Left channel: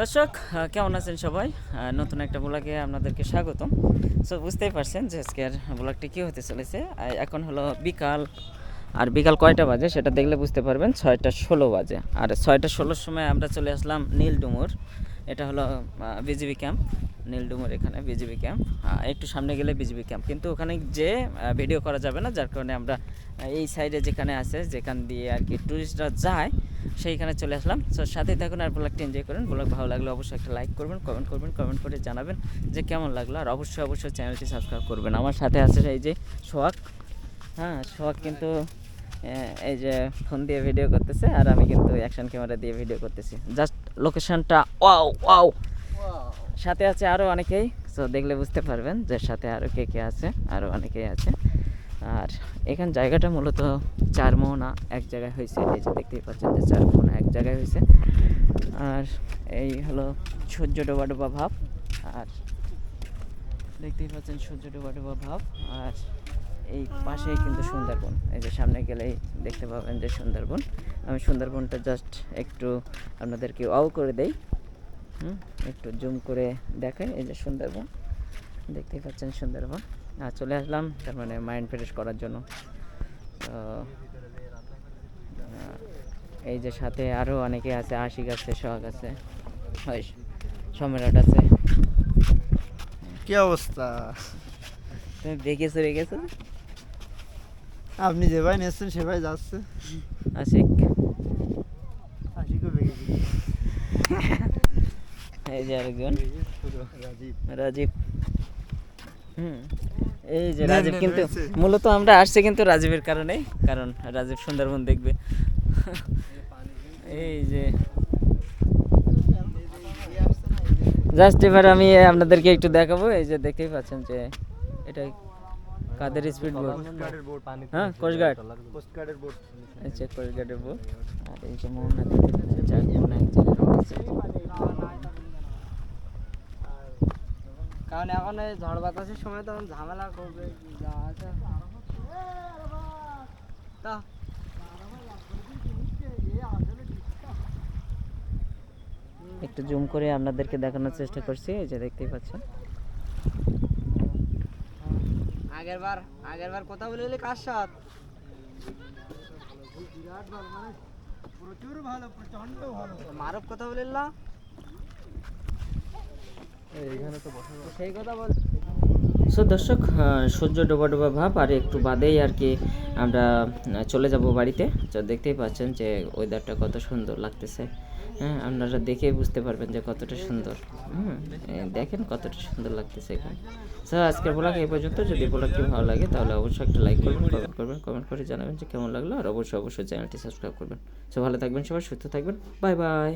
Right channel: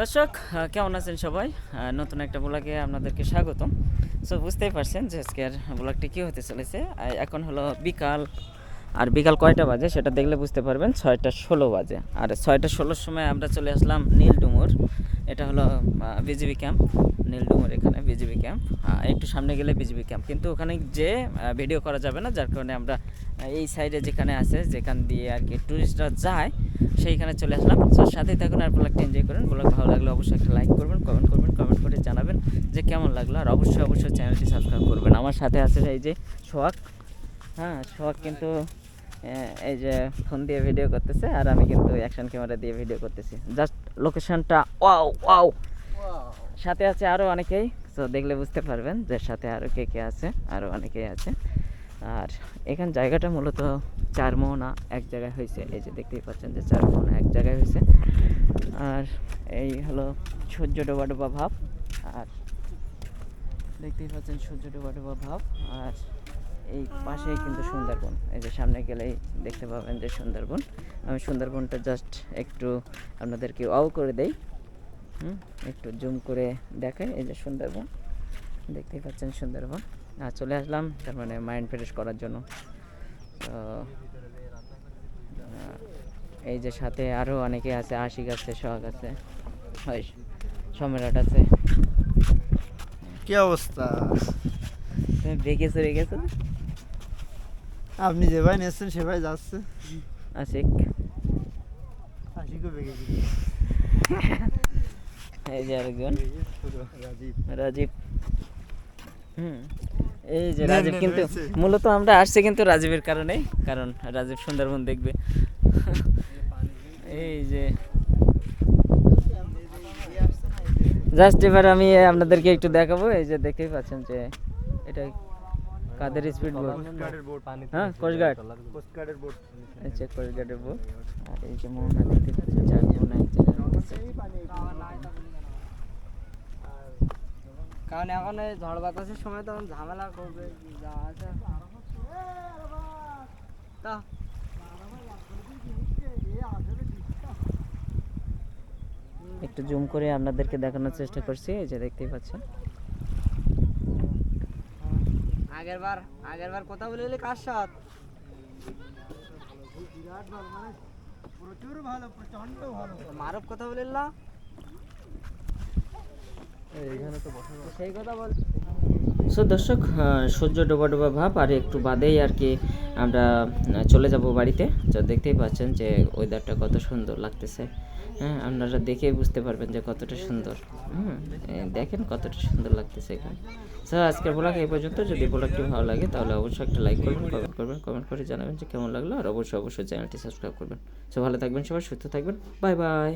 দর্শক কেমন আছেন সবাই? নতুন একটা ব্লগে আপনাদেরকে স্বাগতম। সো বুঝতেই পারছেন যে আজকের ব্লগটি কী হতে চলেছে। এখন হলো বিকাল আর বিকাল কয়টা বাজে সেটা দেখলে বুঝতে পারবেন, ছয়টা ষোলো বাজে। আর ছয়টা ষোলোর সময় আমরা চলে আসলাম নীলডুমুর। এটা হলো বিজিবি ক্যাম্প। নীলডুমুর এখানে বিজিবি ক্যাম্প। একটু সামনে গেলে বিজিবি ক্যাম্প। কিন্তু ওখানে যে ভিডিও করা যাবে না, যার কারণে আমরা এই সাইডে যেখানে আছে, যেখান দিয়ে আর কি ট্যুরিস্টরা যায়, সেইখানে চলে আসলাম। তো সাথে থাকুন আর ব্লগটা এনজয় করুন। ব্লগ ভালো লাগলে অবশ্যই একটা লাইক করবেন কমেন্ট করবেন কমেন্ট করে জানাবেন যে কেমন লাগল। আর অবশ্যই অবশ্যই চ্যানেলটি সাবস্ক্রাইব করবেন। আমার সাথে আছে এই যে সোহাগ। হ্যাঁ সোহাগ কিন্তু এই যে ফোন দিয়ে ভিডিও করতেছে আর আমি কিন্তু অ্যাকশন ক্যামেরা দিয়ে ভিডিও করতেছি। জাস্ট লোকেশনটা ওয়াও ওয়াও সাথে আছে আরও অনেকেই তো দেখলে বুঝতে পারবেন যে সাথে আরও কে কে আছে আরও অনেকেই আছে। আর এখান জায়গাটা মূলত চার মোহনা, এক জায়গায় হয়েছে, এই যে দেখতেই পাচ্ছেন যে চার মোহনা এক জায়গায় হয়েছে। আর এই হলো সূর্য ডোবা ডোবা ভাব, আর দেখতেই পাচ্ছেন সূর্য ডোবা ডোবা ভাব, আর এই পাশেই কিন্তু সুন্দরবন। এই যে সামনে গেলেই দেখতে পাবেন যে সুন্দরবন। আমি সুন্দরবনটা জাস্ট একটু আপনাদেরকে অও করে দেই। হুম একটু জুম করে দেখাই এই যে সুন্দরবন। দেখতেই পাচ্ছেন সুন্দরবন। আর চলে আসলাম তার মানে মাইন্ড ফ্রেশ করার জন্য। তো এই যে সাথে আরও অনেকে আছে আশিক আছে সোহাগ আছে। হয় সম্রাট আছে। কি অবস্থা? তুমি বেগে চলে গেছো? আপনি যে ভাই নিয়েছেন সে ভাই যাচ্ছে। আশিক। আশিকও বেগে এই যে আরেকজন। রাজীব। রাজীব। হুম এই যে রাজীব কিন্তু মূলত আমরা আসছি কিন্তু রাজীবের কারণেই কারণ রাজীব সুন্দরবন দেখবে। এই যে। জাস্ট এবার আমি আপনাদেরকে একটু দেখাবো এই যে দেখতেই পাচ্ছেন যে এটা কাদের স্পিড বোট হ্যাঁ কোস্টগার্ড কোস্টগার্ডের বোট এই যে কোস্টগার্ডের বোট আর এই যে মোহনা দেখতে পাচ্ছেন চার মোহনা এক কারণ এখন এই ঝড় বাতাসের সময় তখন ঝামেলা করবে যা আছে। তা। একটু জুম করে আপনাদেরকে দেখানোর চেষ্টা করছি এই যে দেখতেই পাচ্ছেন। আগের বার আগের বার কথা বলে এলি কার সাথ? প্রচুর ভালো প্রচণ্ড ভালো মারব কথা বলে এলা এইখানে তো বসা সেই কথা বল সো দর্শক সূর্য ডোবা ডোবা ভাব, আর একটু বাদেই আর কি আমরা চলে যাব বাড়িতে। তো দেখতেই পাচ্ছেন যে ওয়েদারটা কত সুন্দর লাগতেছে। হ্যাঁ আপনারা দেখেই বুঝতে পারবেন যে কতটা সুন্দর। হুম দেখেন কতটা সুন্দর লাগতেছে এখানে। সো আজকের ব্লগ এই পর্যন্ত। যদি ব্লগটি ভালো লাগে, তাহলে অবশ্যই একটা লাইক করবেন কমেন্ট করবেন কমেন্ট করে জানাবেন যে কেমন লাগল। আর অবশ্যই অবশ্যই চ্যানেলটি সাবস্ক্রাইব করবেন। সো ভালো থাকবেন সবাই, সুস্থ থাকবেন। Bye bye